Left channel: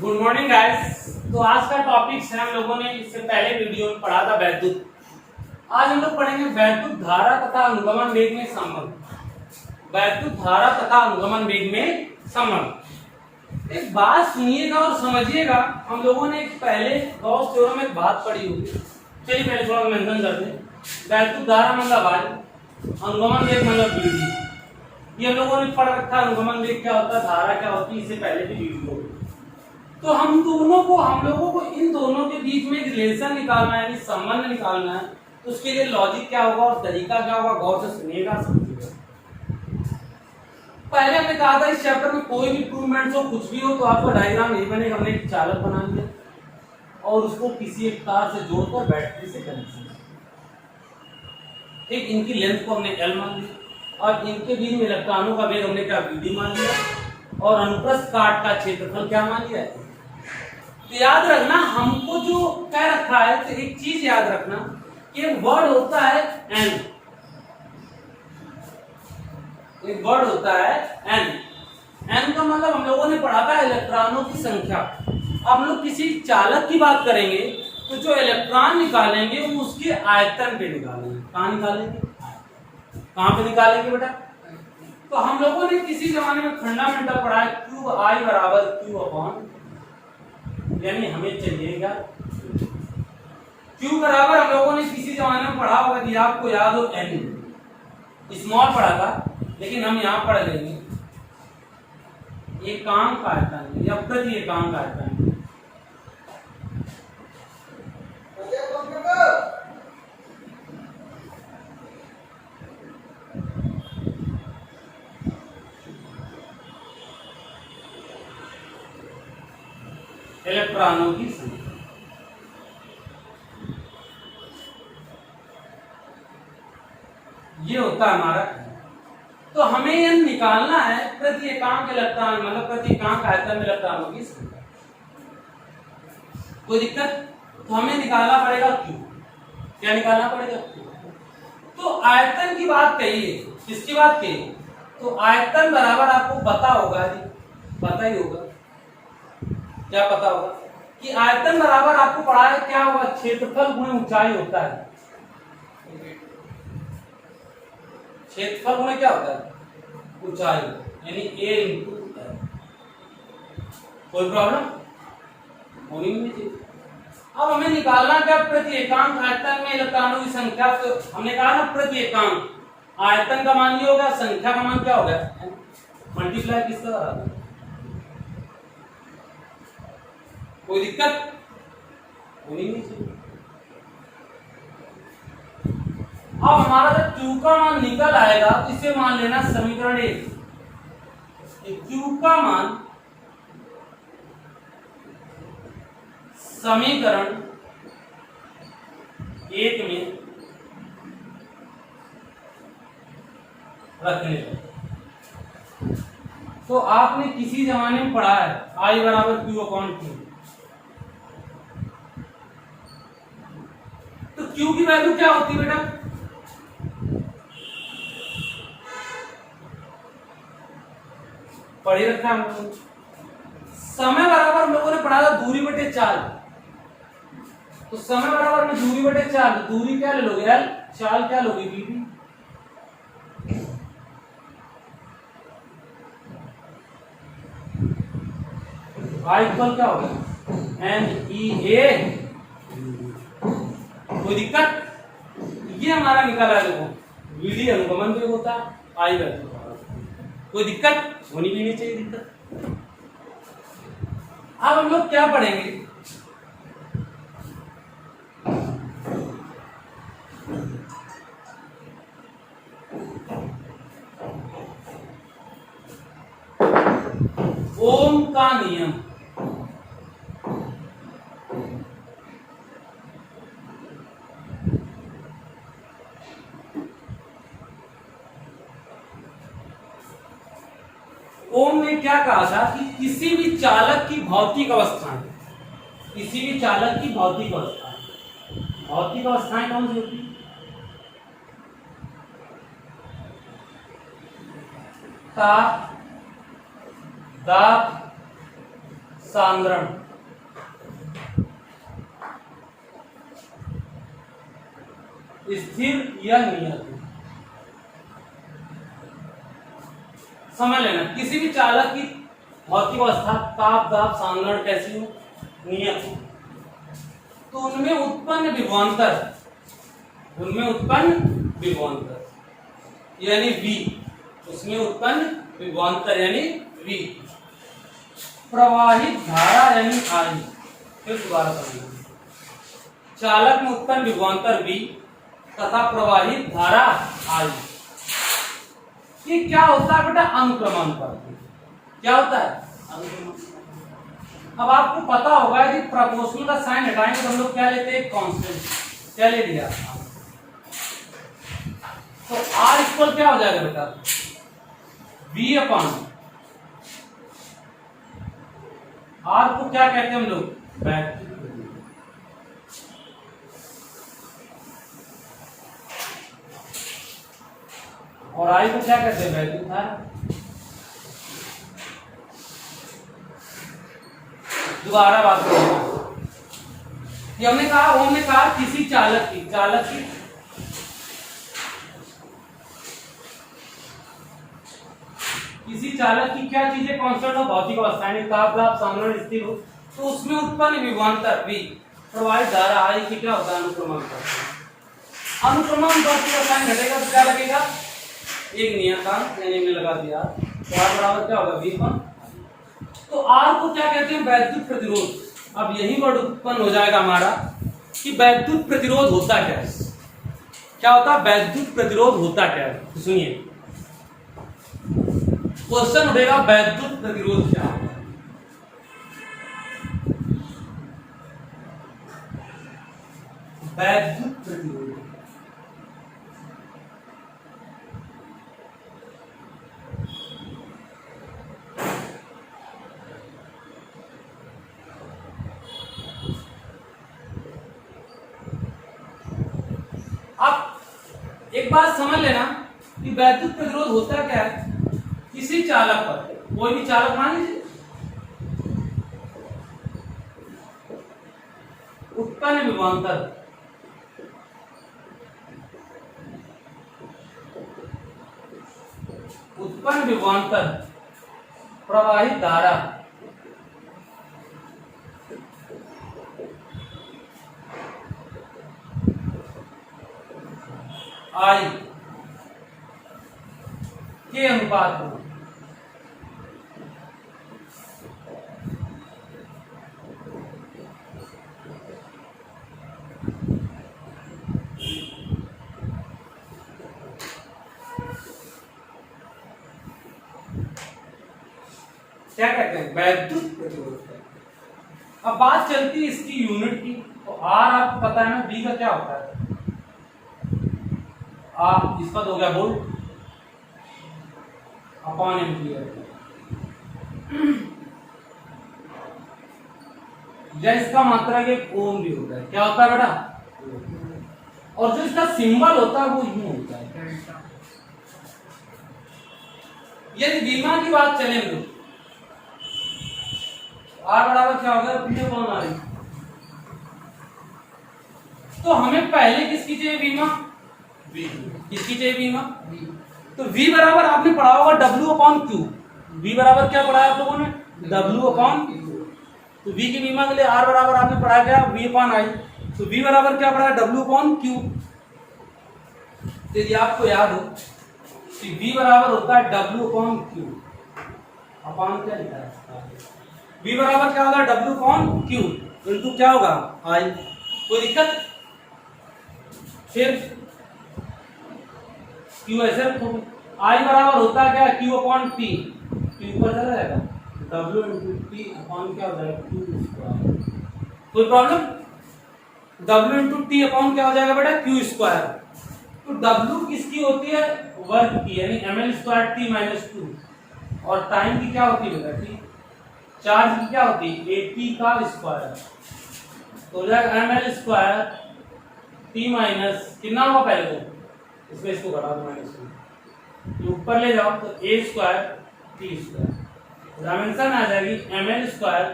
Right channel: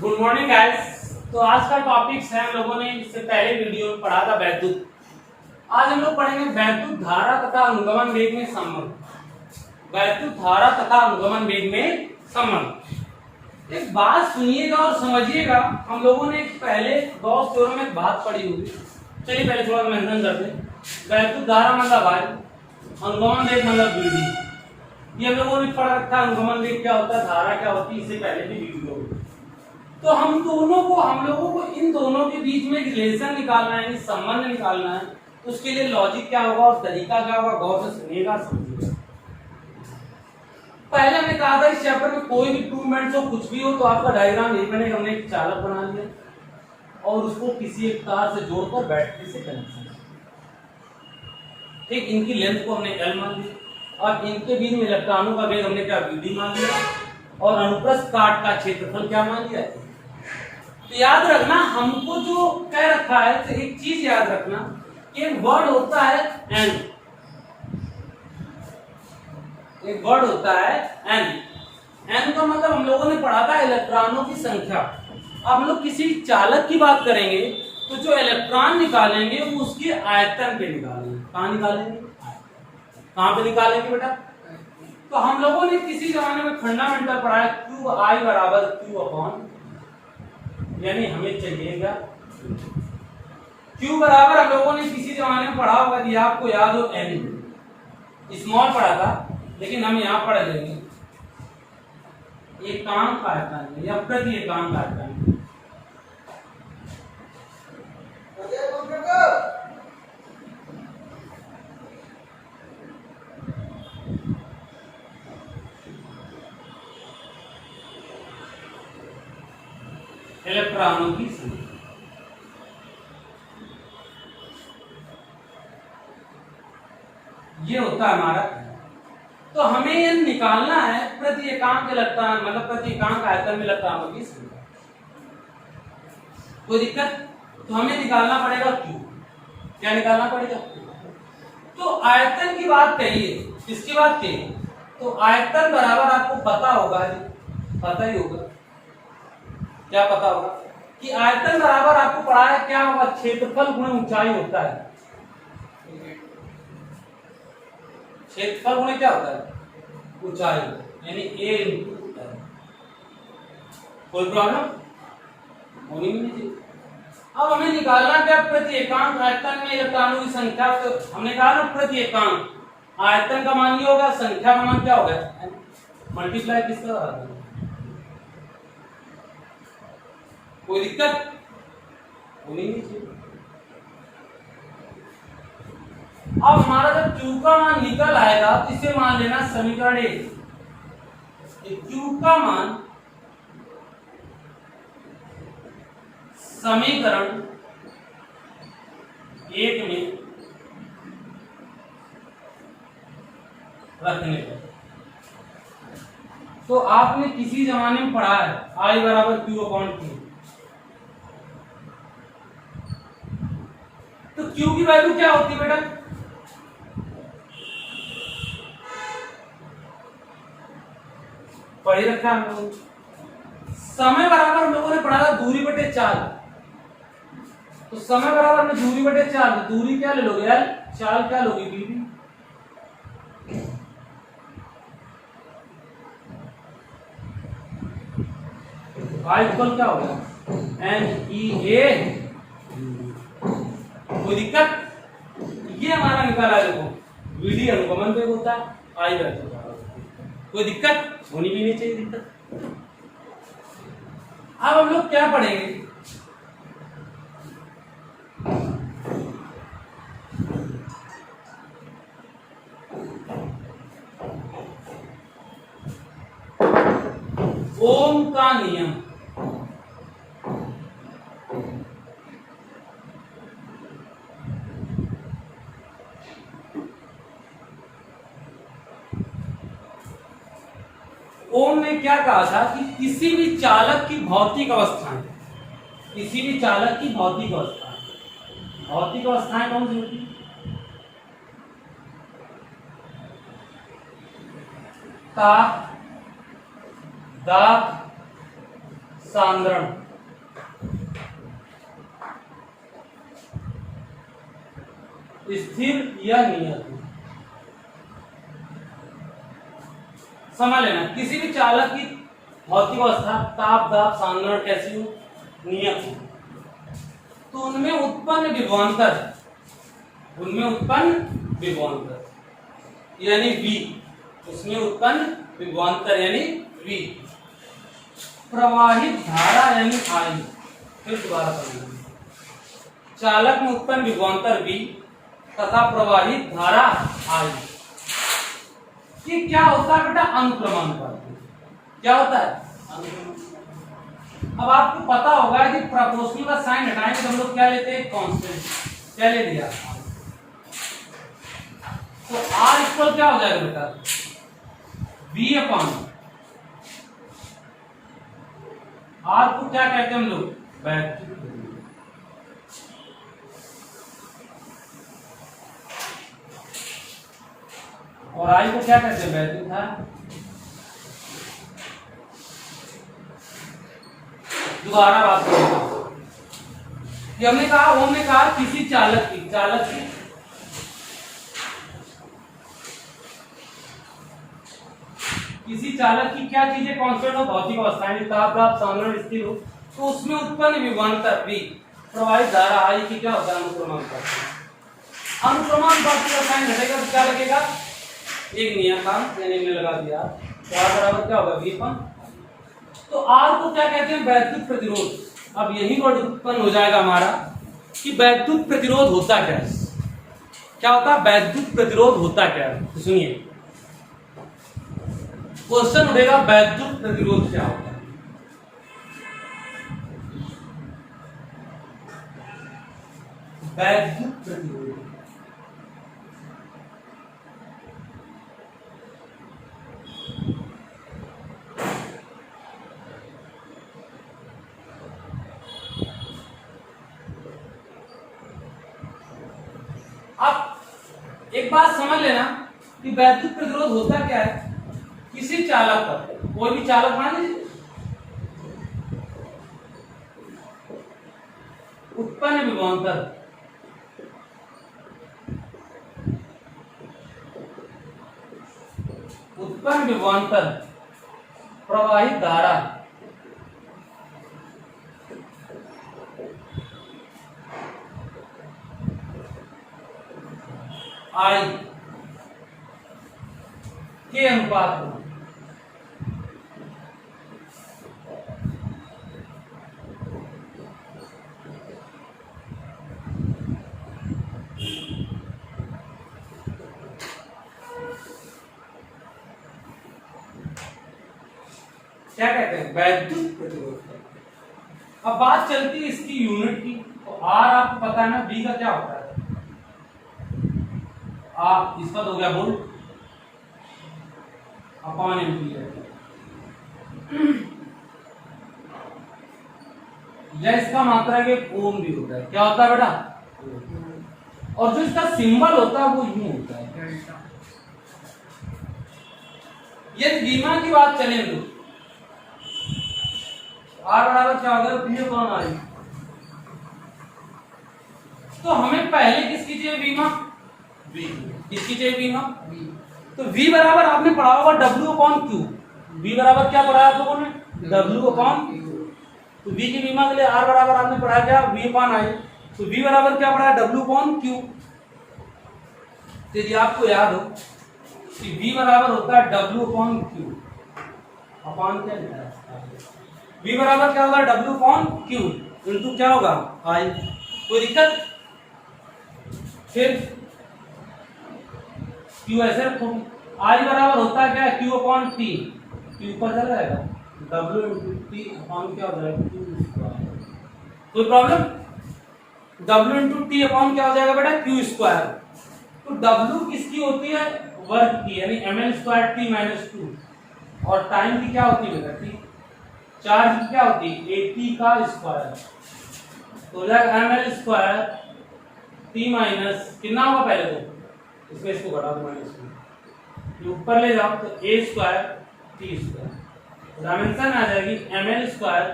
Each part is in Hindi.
Good morning guys. तो आज का टॉपिक है, हम लोगों ने इससे पहले वीडियो में पढ़ा था वैद्युत। आज हम लोग पढ़ेंगे वैद्युत धारा तथा अनुगमन वेग में संबंध। वैद्युत धारा तथा अनुगमन वेग में संबंध। एक बात सुनिएगा और समझिएगा। हम लोगों ने पहले गॉस थ्योरम में एक बात पढ़ी होगी। चलिए पहले थोड़ा मेंशन करते हैं। वैद्युत धारा मतलब आई, अनुगमन वेग मतलब वीडी। ये हम लोगों ने पढ़ रखा है। अनुगमन वेग क्या होता है, धारा क्या होती है, इससे पहले भी वीडियो। तो हम लोगों को इन दोनों के बीच में एक रिलेशन निकालना है, संबंध निकालना है। तो उसके लिए लॉजिक क्या होगा और तरीका क्या होगा, गौर से सुनिएगा, समझिएगा। पहले हमने कहा था इस चैप्टर में कोई भी इम्प्रूवमेंट हो, कुछ भी हो, तो आपका डायग्राम यही बनेगा। हमने एक चालक बना लिया और उसको किसी एक तार से जोड़कर बैटरी से कनेक्शन। ठीक, इनकी लेंथ को हमने L मान लिया और इनके बीच में इलेक्ट्रॉनों का वेग हमने क्या VD मान लिया और अनुप्रस्थ काट का क्षेत्रफल क्या मान लिया है। तो याद रखना, हमको जो कह रखा है, तो एक चीज याद रखना कि वर्ड होता है एन। एक वर्ड होता है एन। एन का मतलब हम लोगों ने पढ़ा था इलेक्ट्रॉनों की संख्या। अब हम लोग किसी चालक की बात करेंगे तो जो इलेक्ट्रॉन निकालेंगे वो उसके आयतन पे निकालेंगे। कहाँ निकालेंगे, कहाँ पे निकालेंगे बेटा? तो हम लोगों ने किसी जमाने में फंडामेंटल पढ़ा है, क्यू आई बराबर क्यू अपॉन, यानी हमें चाहिएगा Q बराबर, हम लोगों ने किसी जमाने में पढ़ा होगा, यदि आपको याद हो, N स्मॉल पढ़ा था, लेकिन हम यहाँ पढ़ लेंगे एकांक आयतन या प्रति एकांक आयतन। इलेक्ट्रॉनों की संख्या, ये होता है हमारा। तो हमें ये निकालना है प्रति एकांक इलेक्ट्रॉन, मतलब प्रति एकांक आयतन में इलेक्ट्रॉनों की संख्या। कोई दिक्कत? तो हमें निकालना पड़ेगा Q। क्या निकालना पड़ेगा? Q। तो आयतन की बात कहिए, किसकी बात कहिए? तो आयतन बराबर आपको पता होगा, पता ही होगा, क्या पता होगा कि आयतन बराबर आपको पढ़ा है क्या होगा, क्षेत्रफल गुणे ऊंचाई होता है। क्षेत्रफल गुणे क्या होता है, ऊंचाई, यानी A इंटू ऊंचाई। कोई प्रॉब्लम होनी नहीं चाहिए। अब हमें निकालना क्या, प्रति एकांक आयतन में इलेक्ट्रॉनों की संख्या। तो हमने कहा ना प्रति एकांक आयतन का मान ये होगा, संख्या का मान क्या होगा, मल्टीप्लाई किसका होगा। कोई दिक्कत होनी नहीं चाहिए। अब हमारा जब Q का मान निकल आएगा तो इसे मान लेना समीकरण 1। Q का मान समीकरण 1 में रखने पर, तो आपने किसी जमाने में पढ़ा है I बराबर Q अपॉन Q। तो Q की वैल्यू क्या होती है बेटा? पढ़ी रखा है हम लोगों ने। समय बराबर हम लोगों ने पढ़ा था दूरी बटे चाल। तो समय बराबर में दूरी बटे चाल, दूरी क्या ले लोगे L, चाल क्या लोगे VD। I इक्वल क्या होगा, NEA। कोई दिक्कत? ये हमारा निकाला है, देखो VD अनुगमन वेग होता है, I वैल्यू। कोई दिक्कत होनी भी नहीं चाहिए दिक्कत। अब हम लोग क्या पढ़ेंगे, ओम का नियम। ओम ने क्या कहा था कि किसी भी चालक की भौतिक अवस्थाएं, किसी भी चालक की भौतिक अवस्थाएं, भौतिक अवस्थाएं कौन सी होती है? ताप, दाब, सांद्रण स्थिर या नियत। समझ लेना, किसी भी चालक की भौतिक अवस्था ताप दाब सांद्रण कैसी हो, नियत हो, तो उनमें उत्पन्न विभवांतर यानी V, उसमें उत्पन्न विभवांतर यानी V, प्रवाहित धारा यानी I। फिर दोबारा समझना, चालक में उत्पन्न विभवांतर V तथा प्रवाहित धारा I। ये क्या होता है बेटा, अनुक्रमण पर। क्या होता है, अनुक्रमण। अब आपको पता होगा कि प्रोपोर्शनल का साइन हटाएंगे तो हम लोग क्या लेते हैं, कांस्टेंट। क्या ले लिया, तो R इक्वल क्या हो जाएगा बेटा, V अपॉन R को क्या कहते हैं हम लोग, वैद्युत। और I को क्या कहते हैं, वैद्युत धारा। दोबारा बात करें, हमने कहा किसी चालक की क्या चीजें कांस्टेंट हो, भौतिक अवस्थाएं, ताप दाब सांद्रण स्थिर हो, तो उसमें उत्पन्न विभवांतर V प्रवाहित धारा I की क्या होता है, अनुक्रमण करता है। अनुक्रमण पर साइन घटेगा तो क्या लगेगा, एक नियतांक यानी में लगा दिया, तो R बराबर क्या होगा, V अपॉन। तो R को क्या कहते हैं, वैद्युत प्रतिरोध। अब यही वर्ड उत्पन्न हो जाएगा हमारा कि वैद्युत प्रतिरोध होता क्या है, क्या होता है, वैद्युत प्रतिरोध होता क्या है। सुनिए, क्वेश्चन उठेगा वैद्युत प्रतिरोध क्या होता है। वैद्युत प्रतिरोध आप एक बात समझ लेना कि वैद्युत प्रतिरोध होता क्या है, किसी चालक पर, कोई भी चालक मान लीजिए, उत्पन्न विभवांतर प्रवाहित धारा I के अनुपात में क्या कहते हैं, वैद्युत प्रतिरोध। अब बात चलती है इसकी यूनिट की, तो R आपको पता है ना, V का क्या होता है, इसका तो हो गया वोल्ट अपॉन एम्पीयर, या इसका मात्रा के ओम भी होता है। क्या होता है बेटा, और जो इसका सिंबल होता है वो यूं होता है। यदि धीमा की बात चले तो R बराबर क्या होगा, V अपॉन I। तो हमें पहले किसकी चाहिए, बीमा, किसकी चाहिए, बीमा। तो V बराबर आपने पढ़ा होगा W अपॉन Q। V बराबर क्या पढ़ा है आप लोगों ने, W अपॉन Q। तो V की बीमा के लिए R बराबर आपने पढ़ा क्या, V अपॉन I। तो V बराबर क्या पढ़ा है, W अपॉन Q। यदि आपको याद हो कि V बराबर होता है W अपॉन Q, अपॉन क्या लिखा है, V बराबर क्या होगा, W अपॉन Q इंटू क्या होगा, I। कोई दिक्कत, फिर Q ऐसे रखो, I बराबर होता है क्या, Q अपॉन T, Q ऊपर चला जाएगा, W इंटू T अपॉन क्या हो जाएगा, Q स्क्वायर। कोई problem, W into T upon क्या हो जाएगा बेटा, Q स्क्वायर। तो W किसकी होती है, वर्ग की, यानी ml स्क्वायर T माइनस 2, और टाइम की क्या होती है बेटा, T। चार्ज की क्या होती है, AT का स्क्वायर, तो हो जाएगा ml स्क्वायर T माइनस कितना होगा, पहले तो इसमें इसको घटा दो माइनस 2, ऊपर ले जाओ तो A square T square dimension आ जाएगी ml स्क्वायर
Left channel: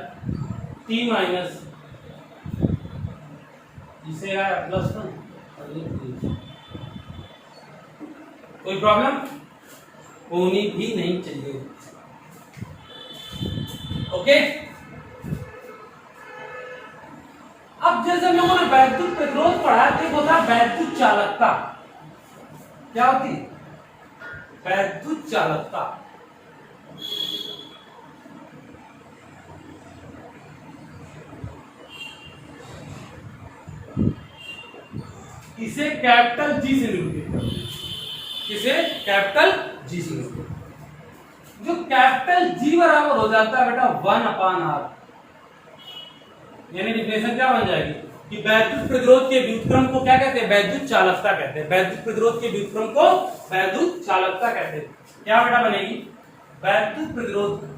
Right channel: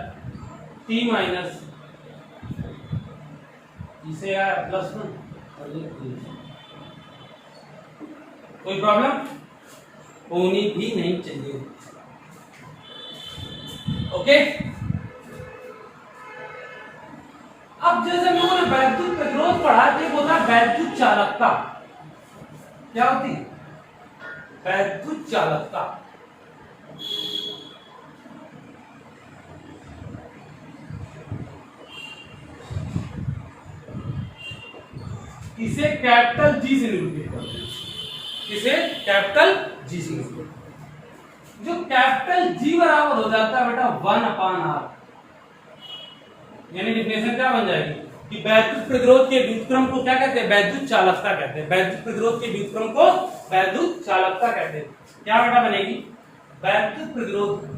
t माइनस इसे आया प्लस 1 और ये 3। कोई प्रॉब्लम होनी भी नहीं चाहिए। ओके, अब जैसे हम लोगों ने वैद्युत प्रतिरोध पढ़ा, एक होता है वैद्युत चालकता। क्या होती है वैद्युत चालकता? इसे कैपिटल जी से निरूपित करते हैं। इसे कैपिटल जी से निरूपित, जो कैपिटल जी बराबर हो जाता है बेटा 1/r, यानी डिफिनेशन क्या बन जाएगी कि वैद्युत प्रतिरोध के व्युत्क्रम को क्या कहते हैं? वैद्युत चालकता कहते हैं। वैद्युत प्रतिरोध के व्युत्क्रम को वैद्युत चालकता कहते हैं। क्या बेटा बनेगी? वैद्युत प्रतिरोध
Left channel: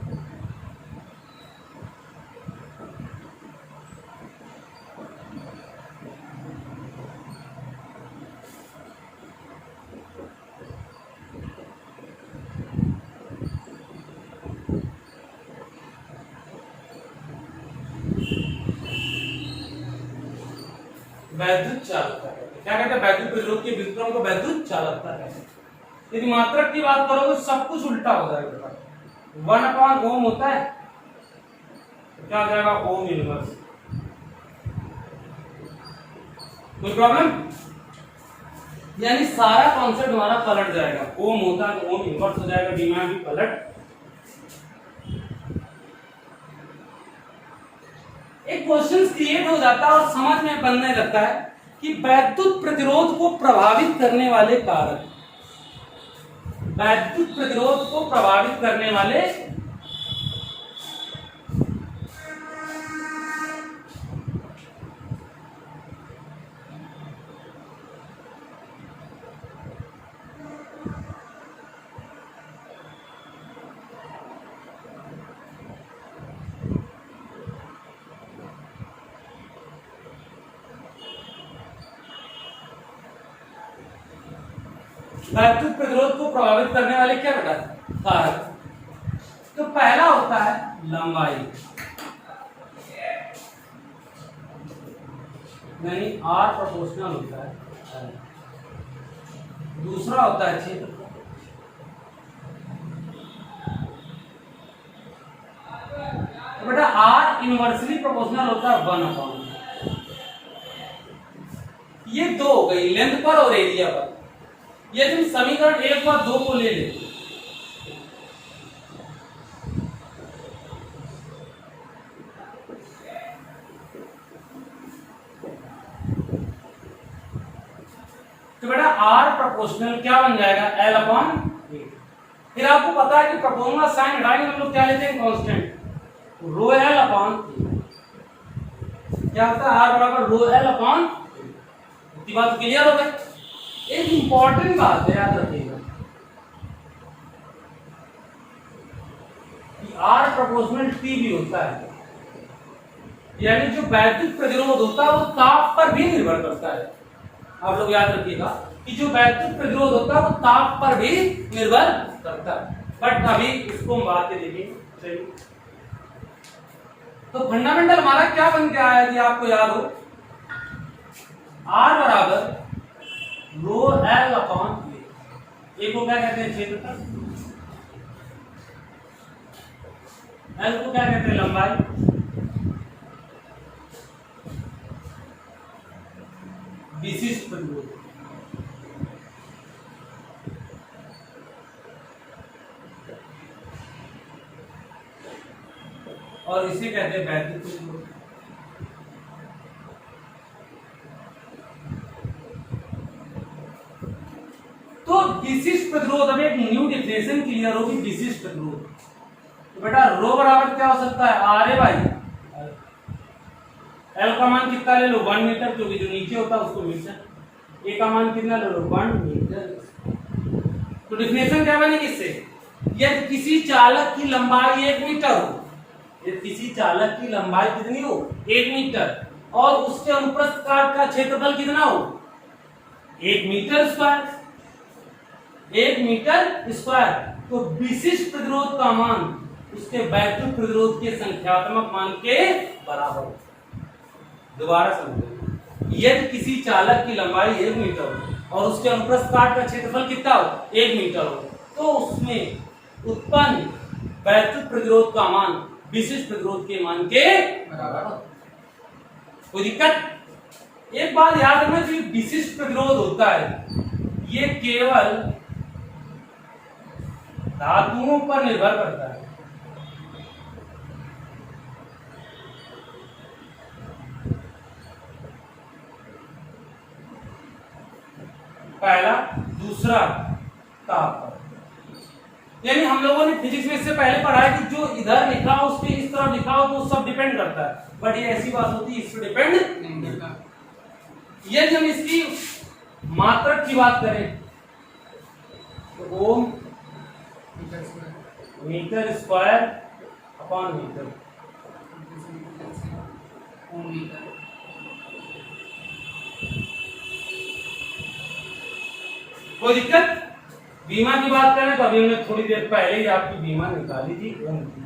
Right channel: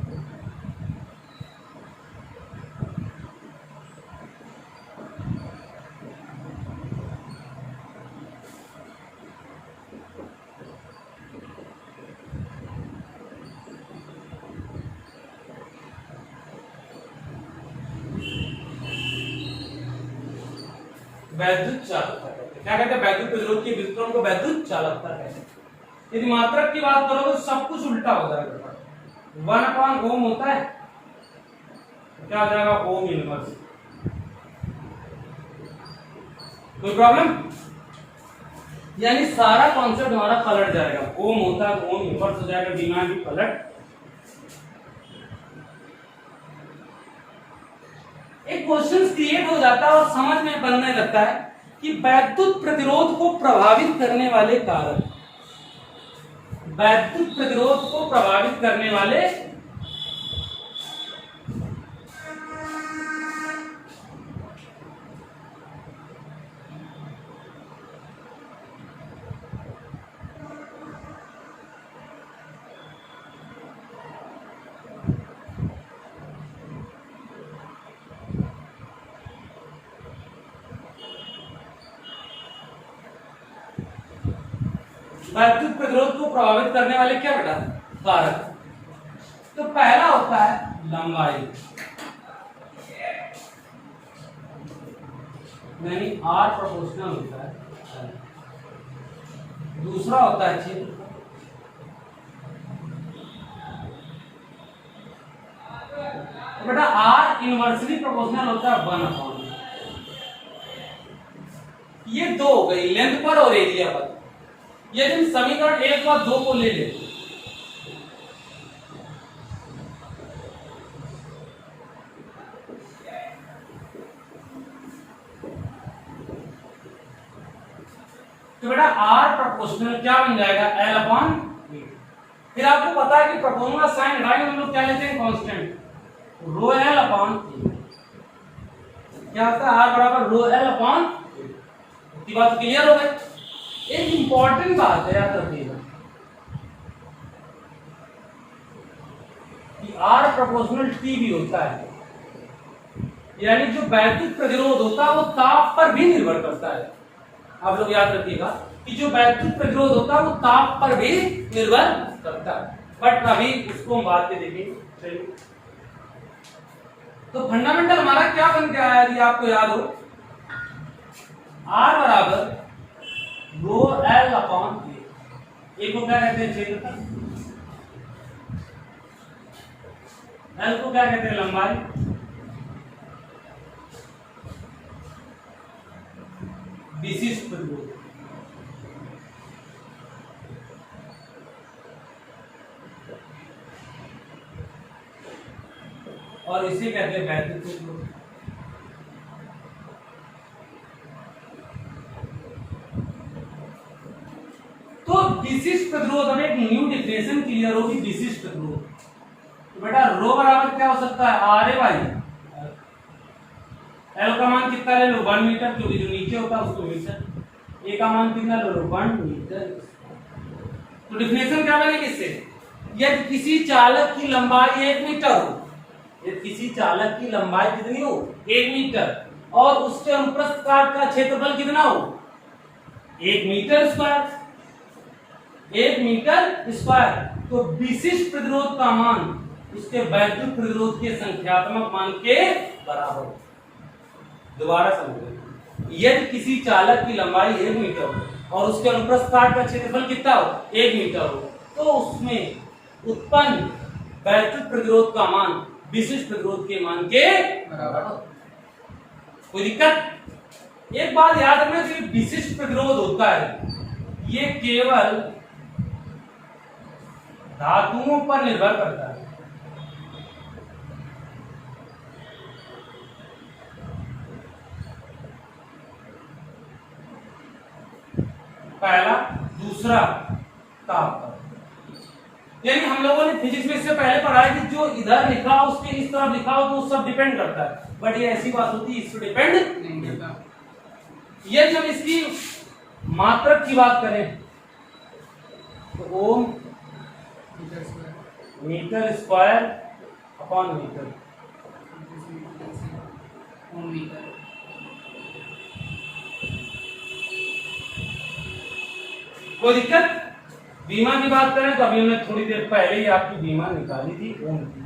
वैद्युत चालकता कहते हैं। क्या कहते हैं? वैद्युत प्रतिरोध के व्युत्क्रम को वैद्युत चालकता कहते हैं। यदि मात्रक की बात करो तो सब कुछ उल्टा हो जाएगा। 1/ओम होता है, क्या हो जाएगा? Ohm inverse. कोई प्रॉब्लम? यानी सारा कॉन्सेप्ट हमारा पलट जाएगा। ओम होता है तो ओम इनवर्स हो जाएगा, दिमाग भी पलट। एक क्वेश्चन क्रिएट हो जाता है और समझ में बनने लगता है कि वैद्युत प्रतिरोध को प्रभावित करने वाले कारक, वैद्युत प्रतिरोध को प्रभावित करने वाले वैद्युत प्रतिरोध को प्रभावित करने वाले क्या बेटा? कारक। तो पहला होता है लंबाई, यानी R प्रोपोर्शनल होता है। दूसरा होता है क्षेत्र, बेटा R इनवर्सली प्रोपोर्शनल होता है 1/। ये दो हो गई लेंथ पर और एरिया पर। यदि हम समीकरण 1 और 2 को ले लेते तो बेटा R प्रोपोर्शनल क्या बन जाएगा? L/A। फिर आपको पता है कि प्रोपोर्शनल साइन हटाएंगे हम लोग क्या लेते हैं? Constant ρL/A। क्या होता है? R बराबर ρL/A। इतनी बात क्लियर हो गई। एक इंपॉर्टेंट बात है, याद रखिएगा कि R प्रोपोर्शनल T भी होता है, यानी जो वैद्युत प्रतिरोध होता है वो ताप पर भी निर्भर करता है। आप लोग याद रखिएगा कि जो वैद्युत प्रतिरोध होता है वो ताप पर भी निर्भर करता है। बट अभी उसको हम बात में देखेंगे। तो फंडामेंटल हमारा क्या बन के आया यदि आपको याद हो? R बराबर ρL/A। ए को क्या कहते हैं? क्षेत्रफल। L को क्या कहते हैं? लंबाई। विशिष्ट प्रतिरोध। और इसे कहते हैं वैद्युत प्रतिरोध। तो विशिष्ट प्रतिरोध, अब एक न्यू डिफिनेशन क्लियर होगी विशिष्ट प्रतिरोध। तो बेटा रो बराबर क्या हो सकता है? RA/। L का मान कितना ले लो? 1 मीटर, क्योंकि जो नीचे होता है उसको मीटर। A का मान कितना ले लो? 1 मीटर। तो डिफिनेशन क्या बनेगी इससे? यदि किसी चालक की लंबाई 1 मीटर हो, यदि किसी चालक की लंबाई कितनी हो? 1 मीटर, और उसके अनुप्रस्थ काट का क्षेत्रफल कितना हो? 1 मीटर स्क्वायर। 1 metre square. तो विशिष्ट प्रतिरोध का मान उसके वैद्युत प्रतिरोध के संख्यात्मक मान के बराबर हो। दोबारा समझो, यदि किसी चालक की लंबाई 1 मीटर हो और उसके अनुप्रस्थ काट का क्षेत्रफल कितना हो 1 मीटर हो, तो उसमें उत्पन्न वैद्युत प्रतिरोध का मान विशिष्ट प्रतिरोध के मान के बराबर। कोई दिक्कत? एक बात याद रखना, जो विशिष्ट प्रतिरोध होता है ये केवल धातुओं पर निर्भर करता है। पहला, दूसरा तापमान। यानी हम लोगों ने फिजिक्स में इससे पहले पढ़ा है कि जो इधर लिखा हो उसके इस तरफ लिखा हो तो सब डिपेंड करता है, बट ये ऐसी बात होती है इस पर डिपेंड नहीं करता। यदि हम इसकी मात्रक की बात करें तो ओम मीटर स्क्वायर अपॉन मीटर, कोई दिक्कत? बीमा की बात करें तो अभी हमने थोड़ी देर पहले ही आपकी बीमा निकाली थी ओम की,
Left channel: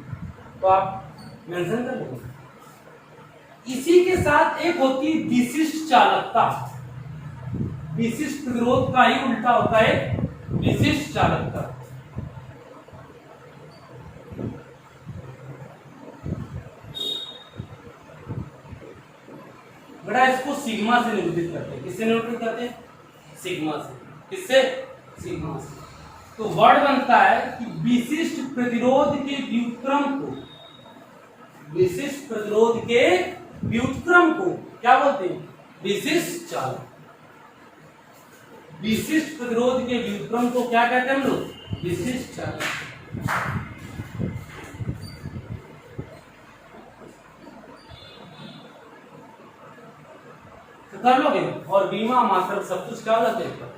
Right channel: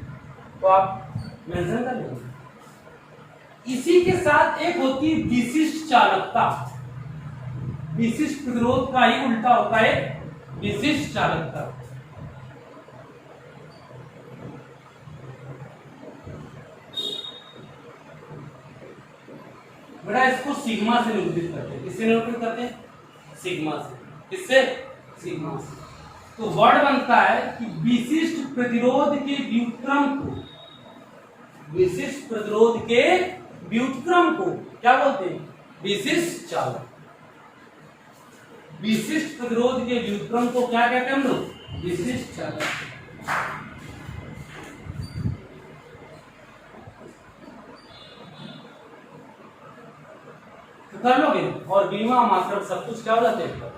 तो आप मेंशन कर लेंगे। इसी के साथ एक होती है विशिष्ट चालकता। विशिष्ट प्रतिरोध का ही उल्टा होता है विशिष्ट चालकता। बेटा इसको सिग्मा से निरूपित करते हैं। किससे निरूपित करते हैं? सिग्मा से। किससे? सिग्मा से। तो वर्ड बनता है कि विशिष्ट प्रतिरोध के व्युत्क्रम को, विशिष्ट प्रतिरोध के व्युत्क्रम को क्या बोलते हैं? विशिष्ट चालक। विशिष्ट प्रतिरोध के व्युत्क्रम को क्या कहते हैं हम लोग? विशिष्ट चालक। तो कर लोगे और बीमा मात्रक सब कुछ क्या हो जाते हैं।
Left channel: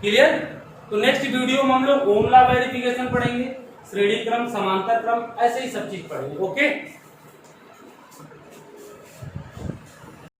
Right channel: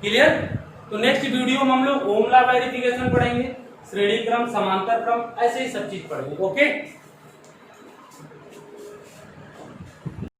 क्लियर? तो नेक्स्ट वीडियो में हम लोग ओम लॉ वेरिफिकेशन पढ़ेंगे, श्रेणी क्रम, समांतर क्रम, ऐसे ही सब चीज पढ़ेंगे। ओके।